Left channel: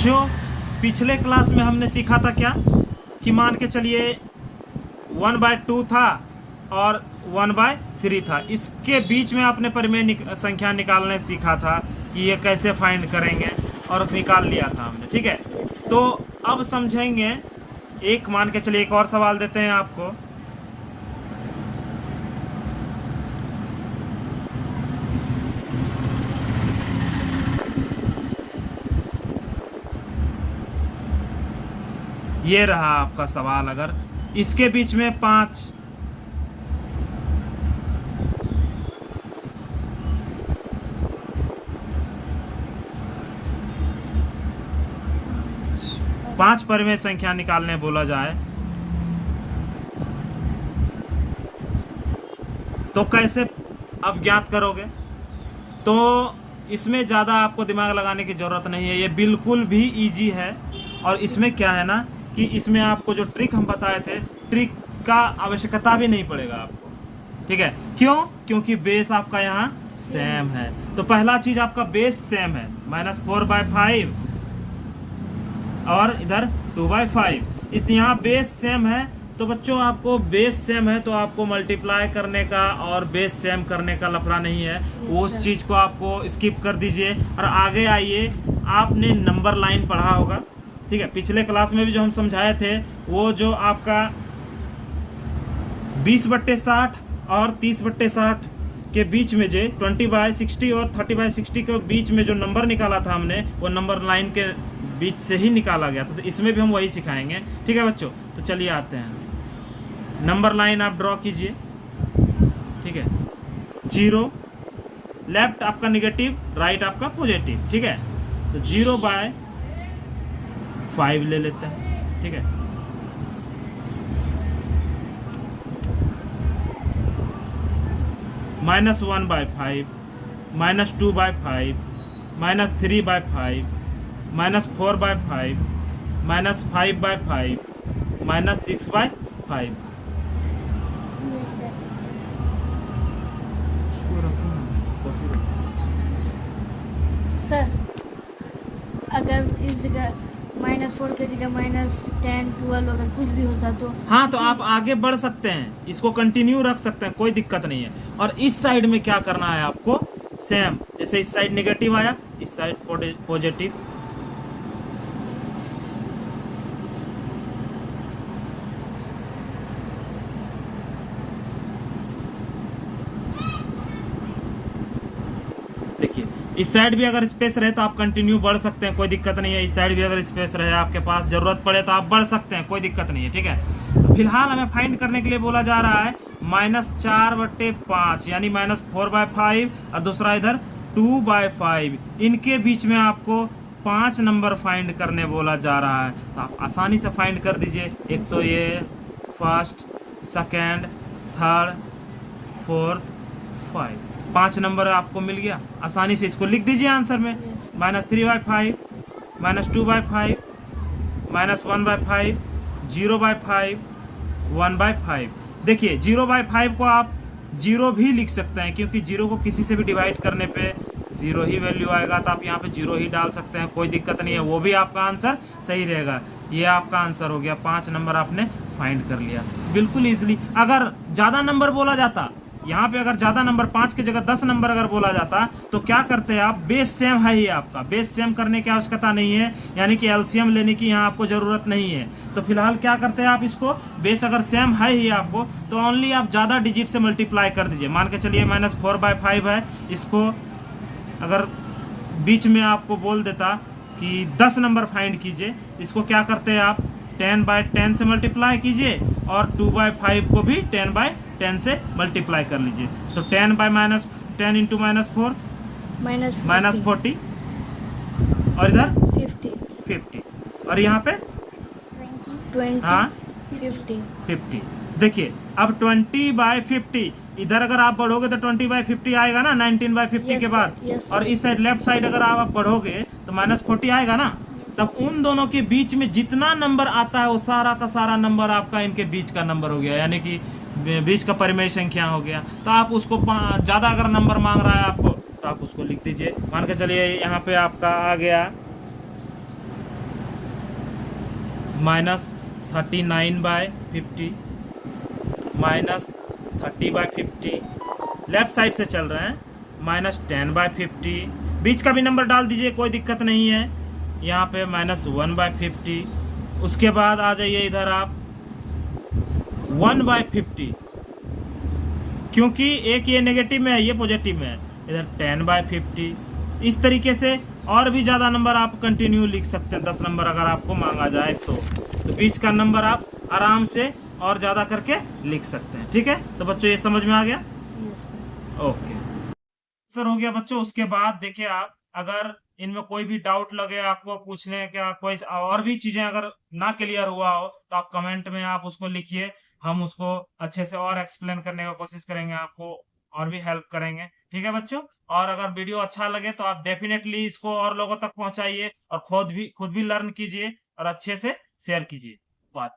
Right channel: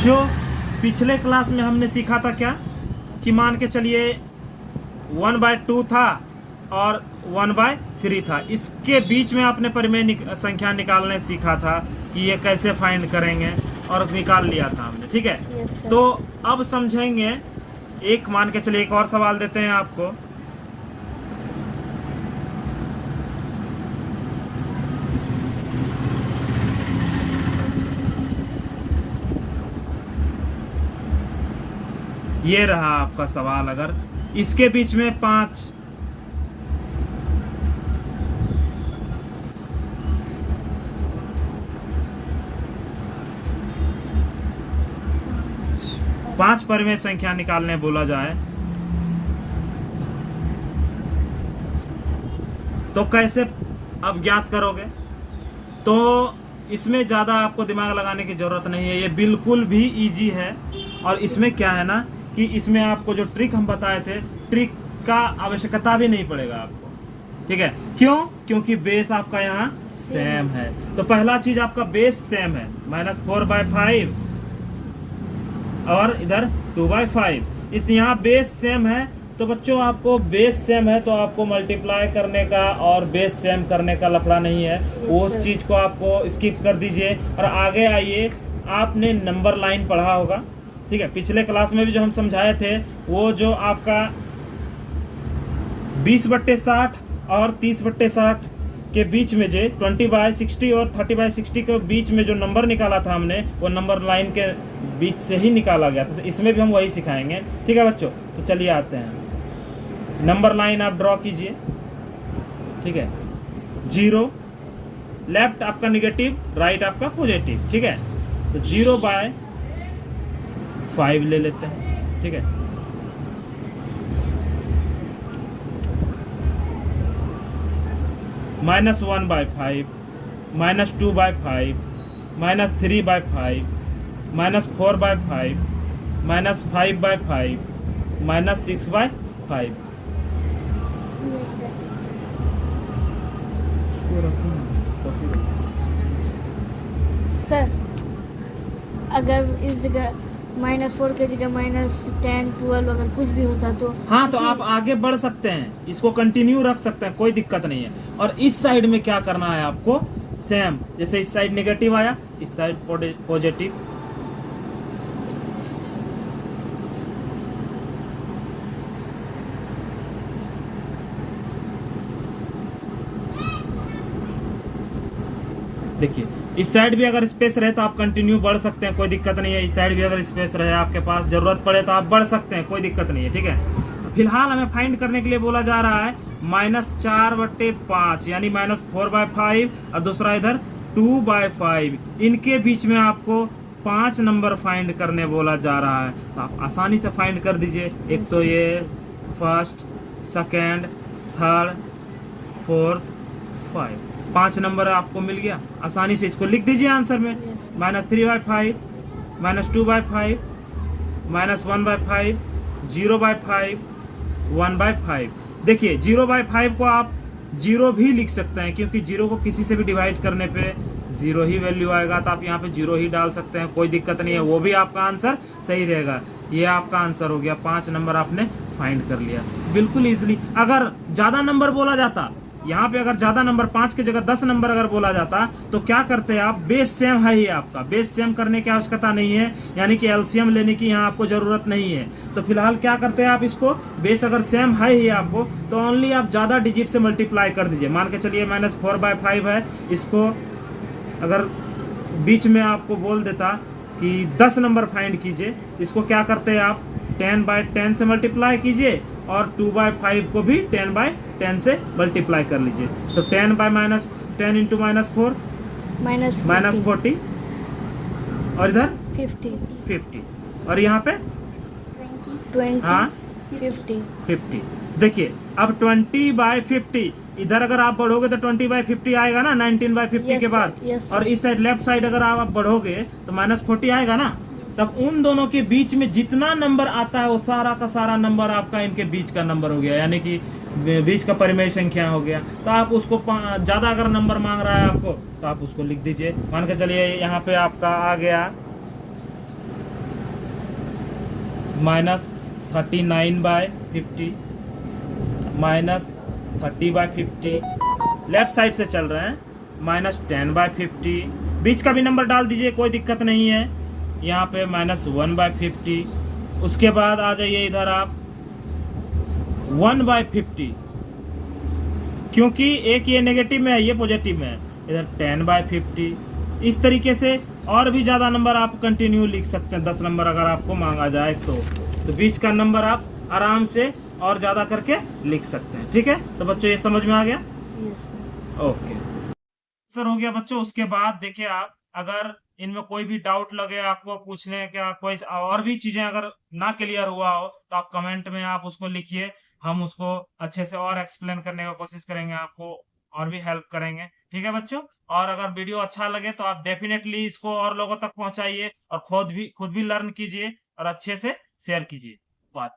बच्चों पिछले क्लास में हमने सीखा था क्या कि मान के चलिए 1/2 था और 1/3 था। इसके बीच में आपने परिमेय संख्या निकालने सीखा था कि ये कैसे फाइंड करेंगे और निकाल लिया था हमने, ठीक है। तो अब समझेंगे, एक मान के चलिए एक और सवाल देते हैं आपको। ये रहा आपका सवाल, अगर इसके बीच में 5 परिमेय संख्या निकालने बोला जाए तो कैसे आप ज्ञात करोगे। तो इसमें ज्यादा आपको दिमाग लगाने की जरूरत नहीं है, ये बिल्कुल भी इजी है। और इसमें क्या है ना कि इसमें आपको जो ट्रिक हम बताए थे, ट्रिक का आवश्यकता भी नहीं पड़ेगा आपको, ठीक है। क्यों? क्योंकि बेस आपका यहाँ सेम है। तो पहला चीज आपका बेस सेम है, -4/5 और इधर 2/5। इस यहाँ बेस सेम है, तो बच्चों आपको बेस सेम है तो आपको मल्टीप्लाई करने का और बेस सेम करने का लफड़ा नहीं है। उस चीज को आपको स्किप कर दीजिए और आगे आइए। आपने नंबर लाइन पढ़ा होगा, ठीक है। पिछले क्लास में भी जो हम समझाए थे वो जो आपका 20/60 और 30/60 के बीच में जो 20/60 और 30/60 के बीच में जो नंबर निकाला था हमने, वो नंबर लाइन के बीच से ही निकाला गया था। तो इसमें भी हम वही सिखाएंगे, ठीक है बच्चों। तो चलिए आते हैं, नंबर लाइन आप ड्रॉ कीजिए, ठीक है। 0 लेफ्ट आपका निगेटिव, राइट आपका पॉजिटिव, ठीक है। तो 0/5 ले लेते हैं, ठीक है। -1/5, -2/5, -3/5, -4/5, -5/5, -6/5। सर अगर इस जगह -4 के जगह -10, 12 अगर कुछ भी होता तो हाँ, तो आप आगे बढ़ सकते हैं, इसको कंटिन्यू रख सकते हैं, कोई दिक्कत नहीं है। और इस साइड में क्या करना है आपको, सेम। जैसे इस साइड नेगेटिव आया, इस साइड पॉजिटिव। देखिए इस साइड भी अगर स्पेस रहे तो आप कंटिन्यू बढ़ सकते हैं, कोई दिक्कत नहीं है। इस साइड भी अगर स्पेस रहे आपके पास, जरूरत पड़े तो आप बढ़ सकते हैं, कोई दिक्कत नहीं है, ठीक है। फिलहाल हमें फाइंड करने के लिए बोला जा रहा है -4/5 यानी -4/5 और दूसरा इधर 2/5। इनके बीच में आपको 5 नंबर फाइंड करने बोला जा रहा है। तो आप आसानी से फाइंड कर दीजिए। एक तो ये first, second, third, fourth, 5, 5 number आपको मिल गया। आसानी से इसको लिख दीजिए आंसर में। -3/5, -2/5, -1/5, 0/5, 1/5। देखिए 0/5 को आप 0 भी लिख सकते हैं, क्योंकि 0 को किसी से भी डिवाइड करने पे 0 ही वैल्यू आएगा। तो आप यहाँ पे 0 ही डाल सकते हैं, कोई दिक्कत नहीं है, वो भी आपका आंसर सही रहेगा। ये आपका आंसर हो गया, 5 नंबर आपने फाइंड कर लिया बिल्कुल इजीली। अगर ज्यादा नंबर बोला जाता, यहाँ पे अगर ज्यादा नंबर 5 की जगह 10 नंबर अगर बोला जाता तो क्या करते हैं आप, बेस सेम है ही आपका, बेस सेम करने की आवश्यकता नहीं है, यानी कि एलसीएम लेने की यहाँ आपको जरूरत नहीं है। तो फिलहाल क्या करते हैं आप, इसको बेस अगर सेम है ही आपको तो ओनली आप ज्यादा डिजिट से मल्टीप्लाई कर दीजिए। मान के चलिए -4/5 है, इसको अगर बीच में आपको बोल देता कि 10 नंबर फाइंड कीजिए, इसको क्या करते हैं आप 10/10 से मल्टीप्लाई कीजिए और 2/5 को भी 10/10 से मल्टीप्लाई कर लीजिए। तो 10 × -4 -40 और इधर 50 और यहाँ पे 20, हाँ 50। देखिए अब 20/50 इधर अगर आप बढ़ोगे तो 20/50 आएगा ना, 19/50 के बाद। और इस साइड लेफ्ट साइड अगर आप बढ़ोगे तो -40 आएगा ना। तब उन दोनों के बीच में जितना नंबर आता है वो सारा का सारा नंबर आपका इनके बीच का नंबर हो गया, यानी कि बीच का परिमेय संख्या हो गया। तो आप उसको ज्यादा अगर नंबर मांग रहा है आपको तो आप उसको लिख दीजिए। मान के चलिए यहाँ पे आपका आ गया -39/50 -30/50। लेफ्ट साइड से चल रहे हैं -10/50। बीच का भी नंबर डाल दीजिए, कोई दिक्कत नहीं है। यहाँ पे -1/50। उसके बाद आ जाइए इधर आप 1/50, क्योंकि एक ये नेगेटिव में है, ये पॉजिटिव में है। इधर 10/50। इस तरीके से और भी ज्यादा नंबर आप कंटिन्यू लिख सकते हैं। 10 नंबर अगर आपको मांगा जाए तो बीच का नंबर आप आराम से और ज्यादा करके लिख सकते हैं। ठीक है, तो बच्चों ये समझ में आ गया? Yes sir. ओके सर, हो गया बच्चों। उसके बाद देखिए, आप अगर इनमें कोई भी डाउट लगे आपको पूछने का, कोई और भी चीजें अगर ना क्लियर हुआ हो तो आप कमेंट में आप उसको लिखिए। हम उसको अच्छे से और एक्सप्लेन करने का कोशिश करेंगे, आपको और भी हेल्प करेंगे। ठीक है बच्चों, और अगर वीडियो अच्छा लगे तो आप डेफिनेटली इसको और लोगों तक पहुंचाइए और खुद भी लर्न कीजिए और अच्छे से शेयर कीजिए बात।